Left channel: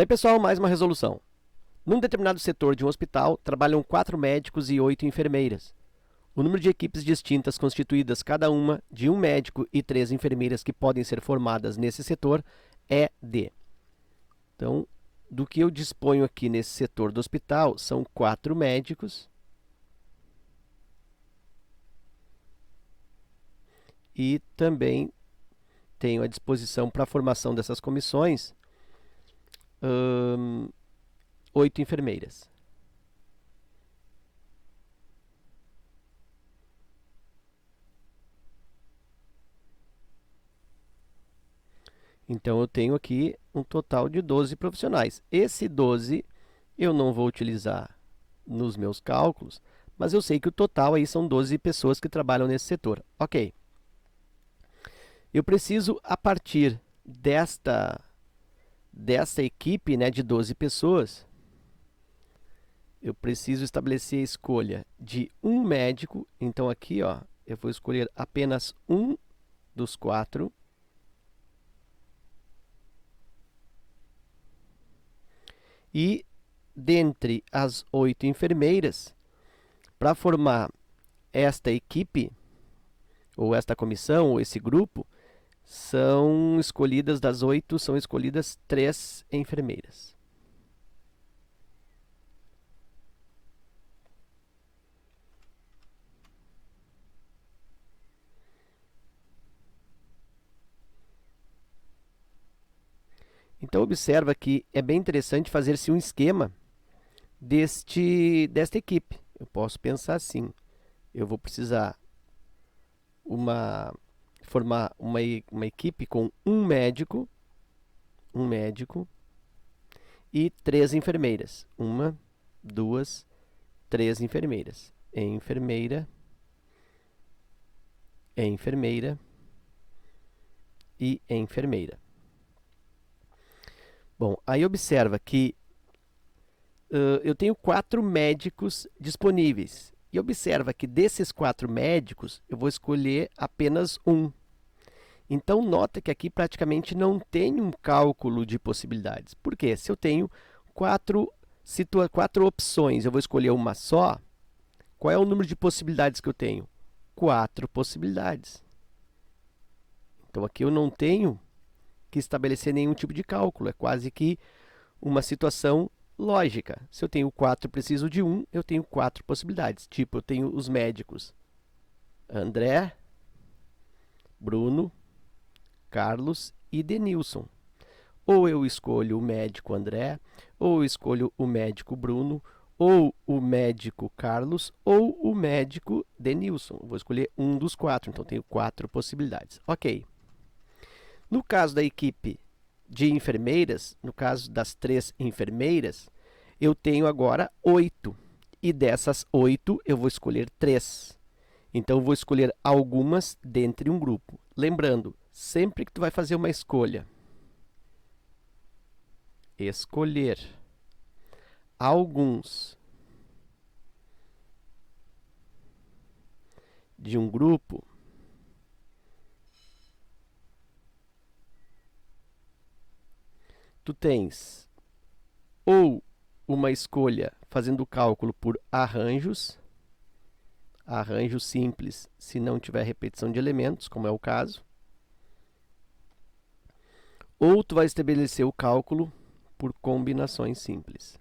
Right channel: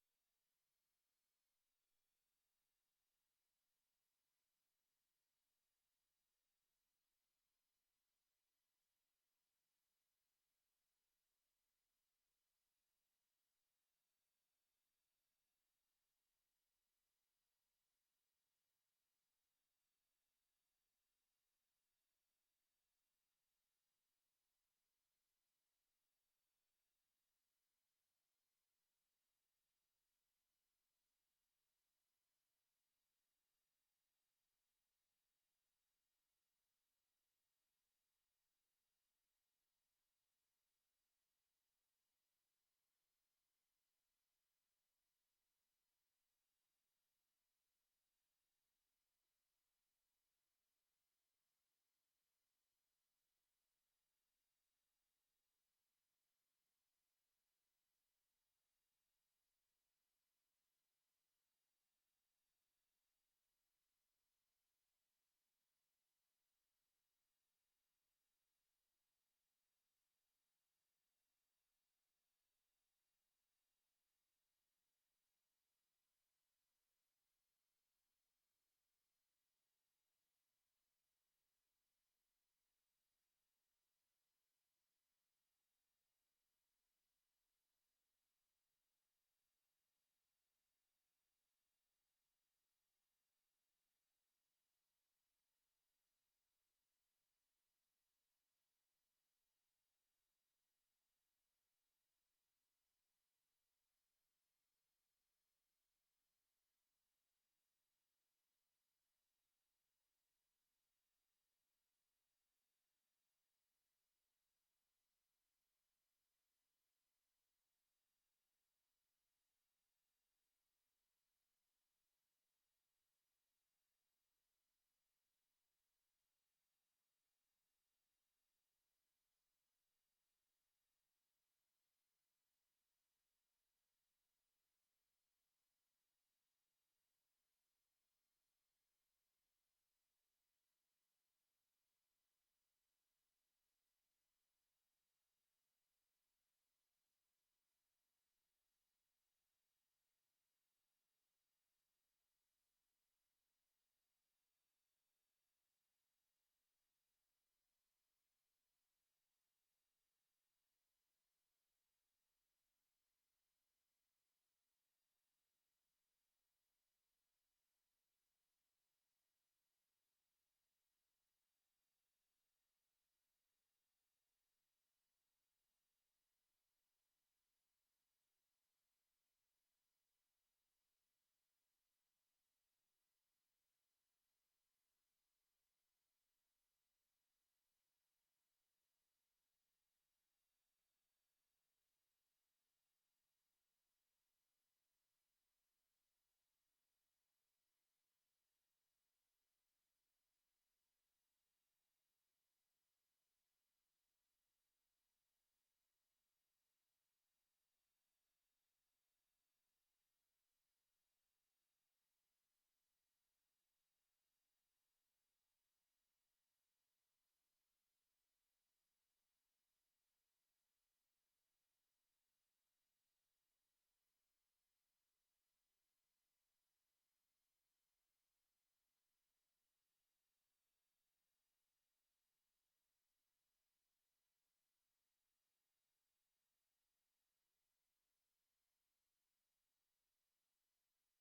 Daí, pessoal, mais uma resolução. Num determinado setor de um hospital, trabalham 4 médicos e 8 enfermeiras. O número de equipes distintas constituídas cada uma de um médico e 3 enfermeiras que podem ser formadas nesse setor é de. Então, do que eu disponho aqui nesse setor do hospital, são 4 médicos e também tenho à disposição para a formação dessas comissões 8 enfermeiras. Então, eu tenho aqui um total de 12 profissionais. Esse 12 eu não vou utilizar nos meus cálculos, mas eu sei que o total aí são 12 pessoas que trabalham nesse setor. Ok. Eu preciso, a partir desta equipe, né, de 12 pessoas, eu preciso estabelecer a escolha de um médico. Então, aqui, ó, eu vou escolher apenas um dos 4. E, dentre as 8 enfermeiras, para formar esta equipe, ou esta comissão, ou esse grupo, são escolhidas, das 8, são escolhidas 3 enfermeiras. Então, observa que é bem interessante fazer-se um esquema desta equipe. Eu posso pensar assim: eu vou precisar formar uma equipe com um médico e 3 enfermeiras. 1, 2, 3 enfermeiras. Enfermeira e enfermeira. Bom, aí observa que eu tenho 4 médicos disponíveis. E observa que desses 4 médicos, eu vou escolher apenas um. Então, nota que aqui praticamente não tem um cálculo de possibilidades. Por quê? Se eu tenho 4 opções, eu vou escolher uma só, qual é o número de possibilidades que eu tenho? 4 possibilidades. Então, aqui eu não tenho que estabelecer nenhum tipo de cálculo. É quase que uma situação lógica. Se eu tenho 4 preciso de 1, eu tenho 4 possibilidades. Tipo, eu tenho os médicos André, Bruno, Carlos e Denilson. Ou eu escolho o médico André, ou eu escolho o médico Bruno, ou o médico Carlos, ou o médico Denilson. Vou escolher um dos 4, então tenho 4 possibilidades. Ok. No caso da equipe de enfermeiras, no caso das 3 enfermeiras, eu tenho agora 8. E dessas 8, eu vou escolher 3. Então, eu vou escolher algumas dentre um grupo. Lembrando, sempre que tu vai fazer uma escolha, escolher alguns de um grupo, tu tens ou uma escolha fazendo o cálculo por arranjos simples, se não tiver repetição de elementos, como é o caso, ou tu vai estabelecer o cálculo por combinações simples.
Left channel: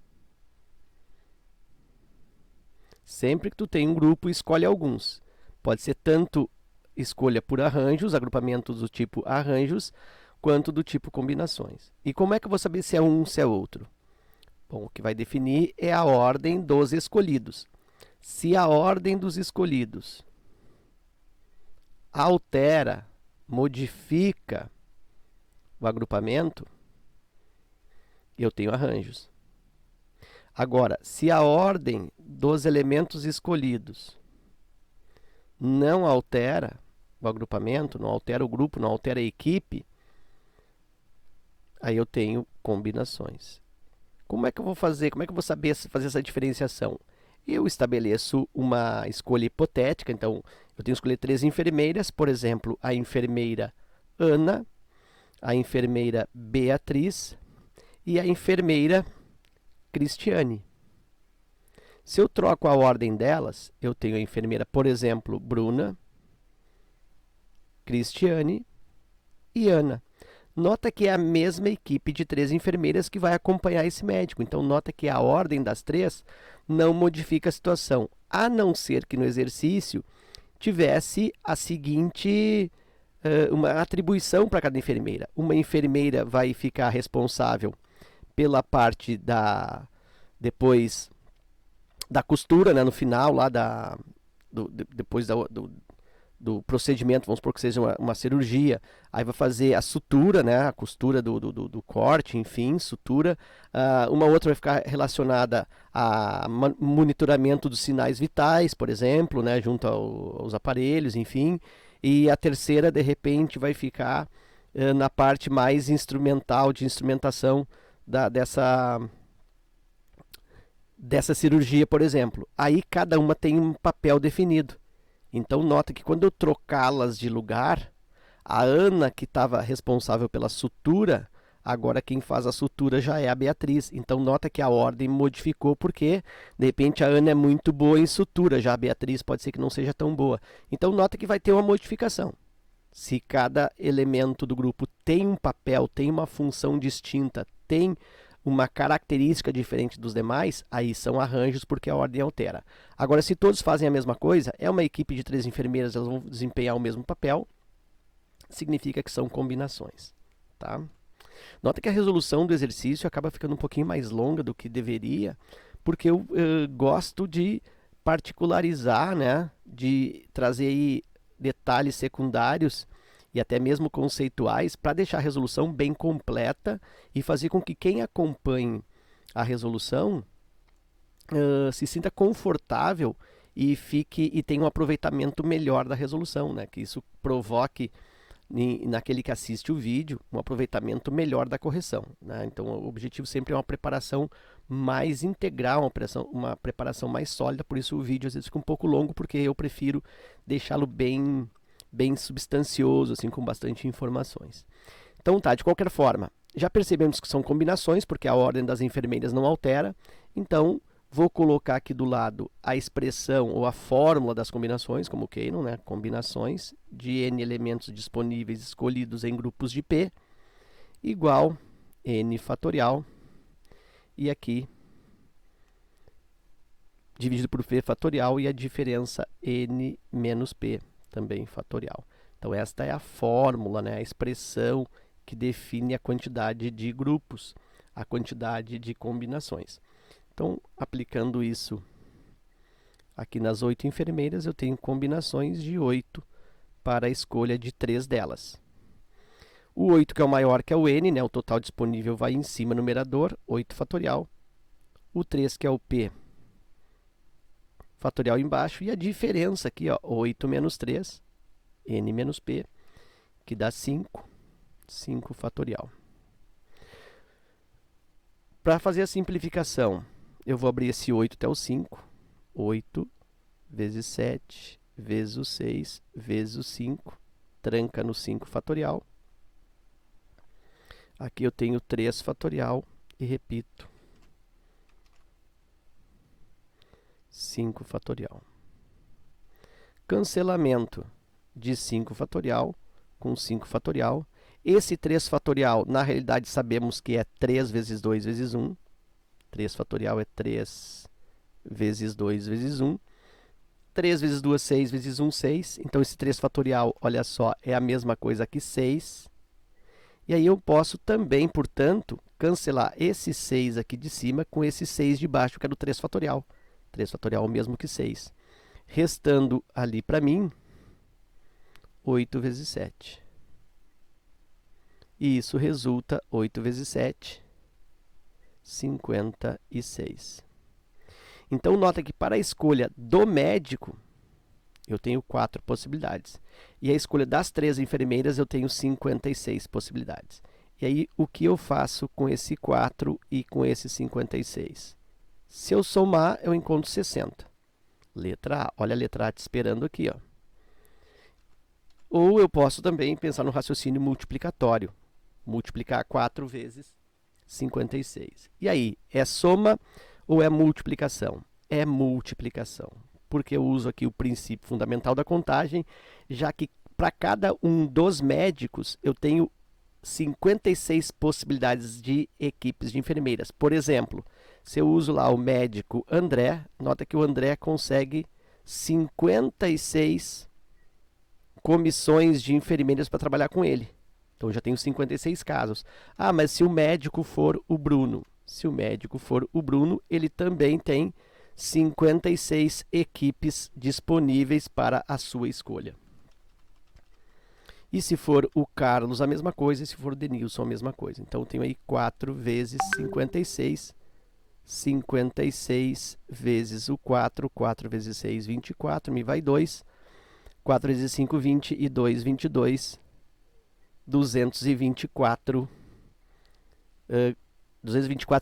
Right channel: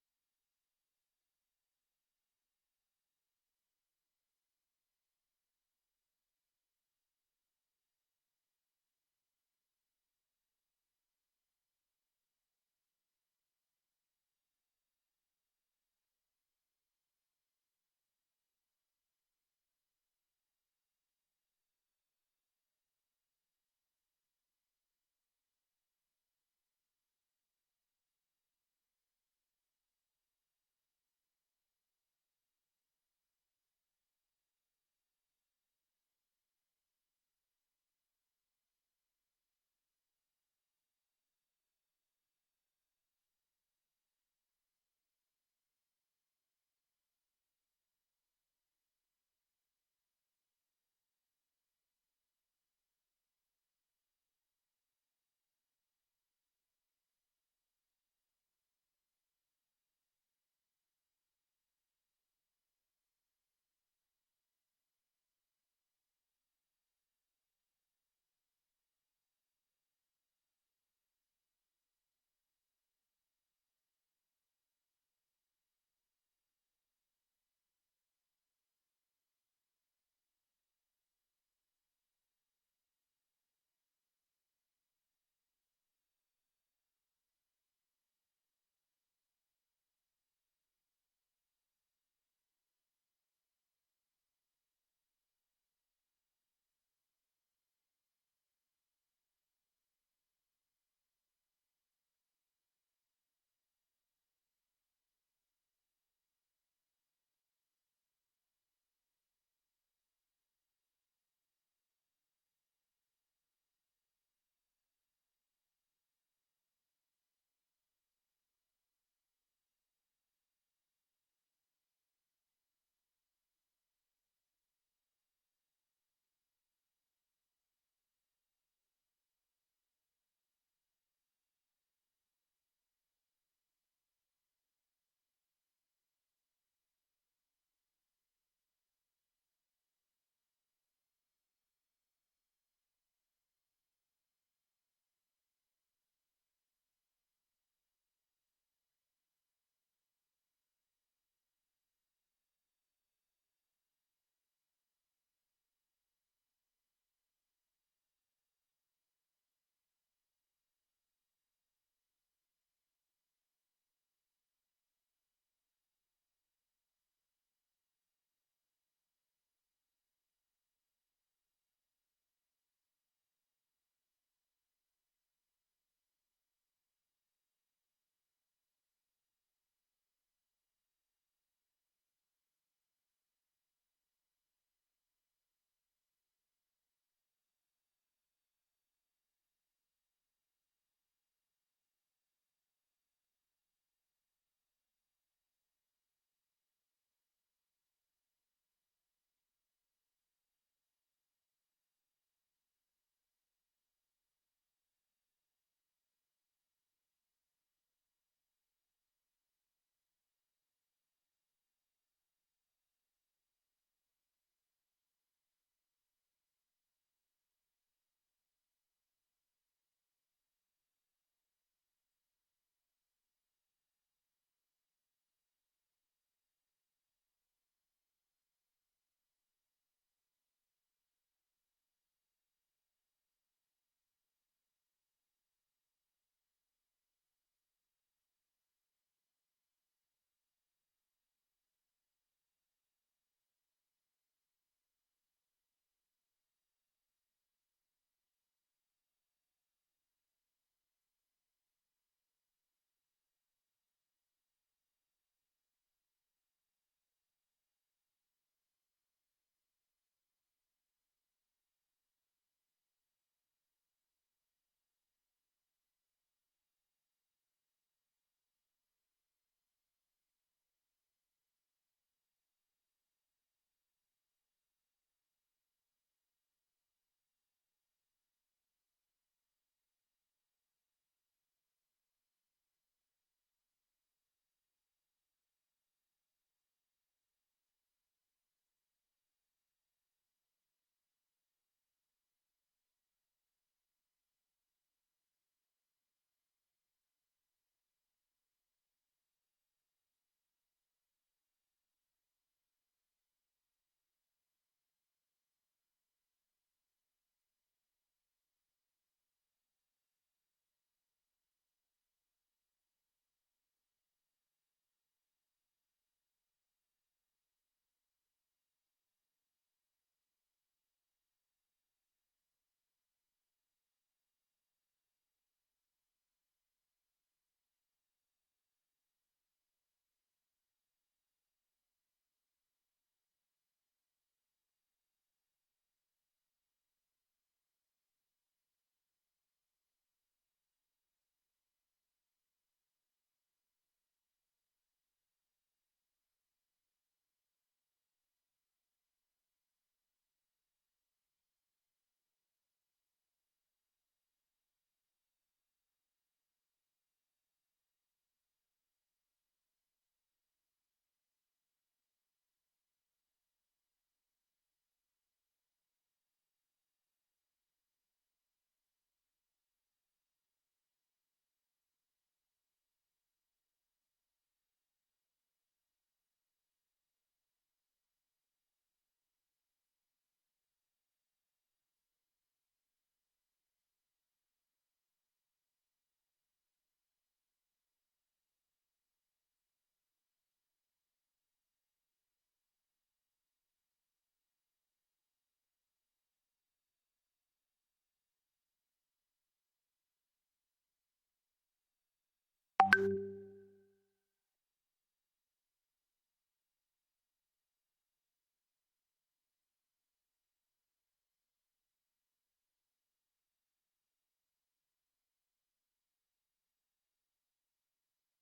Sempre que tu tem um grupo, escolhe alguns. Pode ser tanto escolha por arranjos, agrupamentos do tipo arranjos, quanto do tipo combinações. E como é que eu vou saber se é um ou se é outro? Bom, o que vai definir é a ordem dos escolhidos. Se a ordem dos escolhidos altera, modifica o agrupamento, eu tenho arranjos. Agora, se a ordem dos elementos escolhidos não altera o agrupamento, não altera o grupo, não altera a equipe, aí eu tenho combinações. Como é que eu vou fazer? Como é que eu vou saber fazer essa diferenciação? Eu estabeleço uma escolha hipotética. Então, eu tenho que escolher 3 enfermeiras, por exemplo, a enfermeira Ana, a enfermeira Beatriz e a enfermeira Cristiane. Se eu troco a ordem delas, eu tenho a enfermeira, por exemplo, Bruna, Cristiane e Ana. Nota que é a mesma equipe de 3 enfermeiras que vai acompanhar esse médico. Então, nota que a ordem das 3 não modifica a situação, a não ser que no exercício tivesse a seguinte uma atribuição para cada enfermeira. Uma enfermeira vai ficar responsável pela parte depois da costura, né, no final lá depois do procedimento, vamos supor que seja uma cirurgia, aí vai fazer a sutura, né, a costura do corte, enfim, sutura. Uma outra vai ficar relacionada a monitoramento dos sinais vitais, por exemplo, né, junto aos aparelhos, enfim. E a terceira, de repente, vai ficar na parte mais instrumental, de instrumentação dessa cirurgia, por exemplo. Aí cada uma tem um papel definido. Então, nota que quando eu trocá-las de lugar, a Ana, que estava responsável pela sutura, agora quem faz a sutura já é a Beatriz. Então, nota que a ordem modificou porque, de repente, a Ana é muito boa em sutura, já a Beatriz pode ser que não seja tão boa. Então, nota que vai ter uma modificação. Se cada elemento do grupo tem um papel, tem uma função distinta, tem uma característica diferente dos demais, aí são arranjos porque a ordem altera. Agora, se todos fazem a mesma coisa, é uma equipe de 3 enfermeiras, elas vão desempenhar o mesmo papel, significa que são combinações. Tá? Nota que a resolução do exercício acaba ficando um pouquinho mais longa do que deveria, porque eu gosto de particularizar, né, de trazer aí detalhes secundários e até mesmo conceituais para deixar a resolução bem completa e fazer com que quem acompanhe a resolução se sinta confortável e tenha um aproveitamento melhor da resolução, né? Que isso provoque naquele que assiste o vídeo um aproveitamento melhor da correção, né? Então o objetivo sempre é uma preparação mais integral, uma preparação mais sólida, por isso o vídeo às vezes fica um pouco longo, porque eu prefiro deixá-lo bem substancioso, assim, com bastante informações. Então tá, de qualquer forma, já percebemos que são combinações, porque a ordem das enfermeiras não altera, então vou colocar aqui do lado a expressão ou a fórmula das combinações, como o Keynon, né? Combinações de n elementos disponíveis escolhidos em grupos de P, igual n fatorial, e aqui dividido por P fatorial e a diferença n menos P, também fatorial. Então, esta é a fórmula, né? A expressão que define a quantidade de grupos, a quantidade de combinações. Então, aplicando isso aqui nas 8 enfermeiras, eu tenho combinações de 8 para a escolha de 3 delas. O 8, que é o maior, que é o n, né? O total disponível vai em cima no numerador, 8 fatorial. O 3, que é o p, fatorial embaixo. E a diferença aqui, ó, 8 menos 3, n menos p, que dá 5, 5 fatorial. Para fazer a simplificação, eu vou abrir esse 8 até o 5. 8 vezes 7 vezes o 6 vezes o 5. Tranca no 5 fatorial. Aqui eu tenho 3 fatorial e repito. 5 fatorial. Cancelamento de 5 fatorial com 5 fatorial. Esse 3 fatorial, na realidade, sabemos que é 3 vezes 2 vezes 1. 3 fatorial é 3 vezes 2 vezes 1. 3 vezes 2, 6 vezes 1, 6. Então, esse 3 fatorial, olha só, é a mesma coisa que 6. E aí eu posso também, portanto, cancelar esse 6 aqui de cima com esse 6 de baixo, que é do 3 fatorial. 3 fatorial é o mesmo que 6. Restando ali para mim, 8 vezes 7. E isso resulta 8 vezes 7, 56. Então, nota que para a escolha do médico, eu tenho 4 possibilidades. E a escolha das 3 enfermeiras, eu tenho 56 possibilidades. E aí, o que eu faço com esse 4 e com esse 56? Se eu somar, eu encontro 60. Letra A. Olha a letra A te esperando aqui, ó. Ou eu posso também pensar no raciocínio multiplicatório. Multiplicar 4 vezes 56. E aí, é soma ou é multiplicação? É multiplicação, porque eu uso aqui o princípio fundamental da contagem, já que para cada um dos médicos eu tenho 56 possibilidades de equipes de enfermeiras. Por exemplo, se eu uso lá o médico André, nota que o André consegue 56 comissões de enfermeiras para trabalhar com ele. Então, eu já tenho 56 casos. Ah, mas se o médico for o Bruno? Se o médico for o Bruno, ele também tem 56 equipes disponíveis para a sua escolha. E se for o Carlos, a mesma coisa, e se for o Denilson, a mesma coisa. Então, eu tenho aí 4 vezes 56, 56 vezes o 4, 4 vezes 6, 24, me vai 2, 4 vezes 5, 20, e 2, 22, 224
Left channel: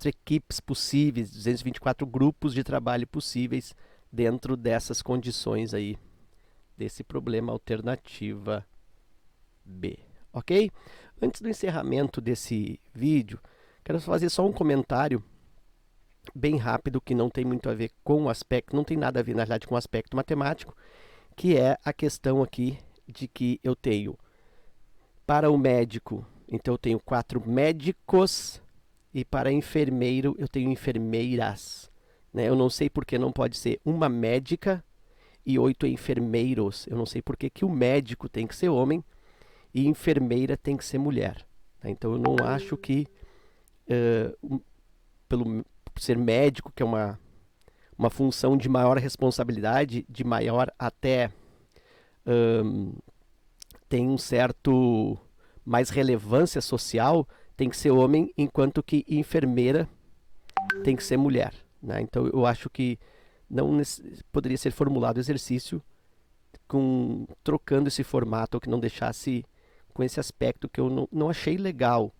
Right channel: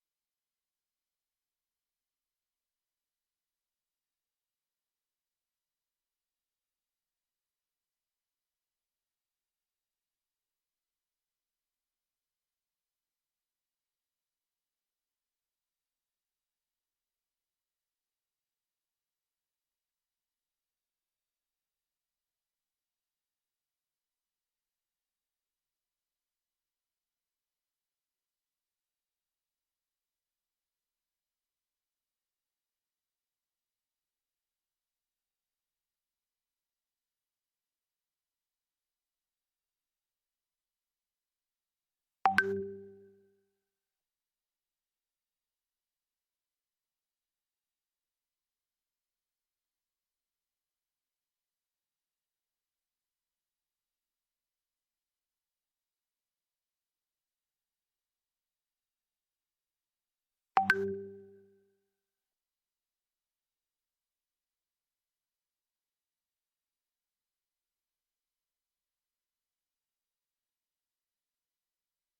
equipes possíveis, 224 grupos de trabalho possíveis dentro dessas condições aí, desse problema alternativa B, ok? Antes do encerramento desse vídeo, quero fazer só um comentário bem rápido que não tem muito a ver com o aspecto, não tem nada a ver na realidade com o aspecto matemático, que é a questão aqui de que eu tenho para o médico, então eu tenho 4 médicos, e para enfermeiro eu tenho enfermeiras, né? Eu não sei por que não pode ser uma médica e 8 enfermeiros. Eu não sei por que o médico tem que ser homem e enfermeira tem que ser mulher. Né? Então eu não acho que, por ser médico, que é uma função de maior responsabilidade, de maior até tem um certo mais relevância social, tem que ser homem, enquanto que enfermeira tem que ser mulher. Né? Então eu acho que não poderia ser formulado o exercício trocando esse formato, ou que não deixasse com esse aspecto que eu não achei legal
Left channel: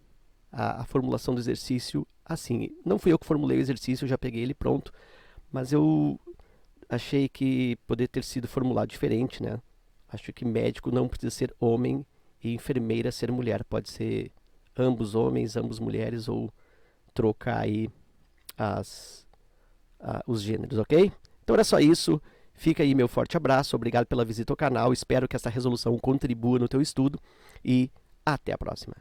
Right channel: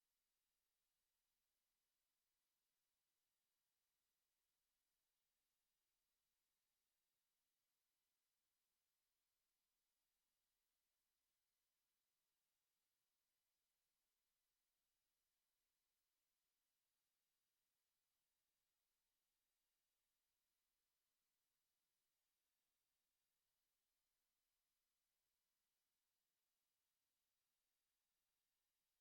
a formulação do exercício assim. Não fui eu que formulei o exercício, eu já peguei ele pronto, mas eu achei que poderia ter sido formulado diferente, né? Acho que médico não precisa ser homem e enfermeira ser mulher. Pode ser ambos homens, ambos mulheres, ou trocar aí os gêneros, ok? Então era só isso. Fica aí meu forte abraço. Obrigado pela visita ao canal. Espero que essa resolução contribua no teu estudo. E até a próxima.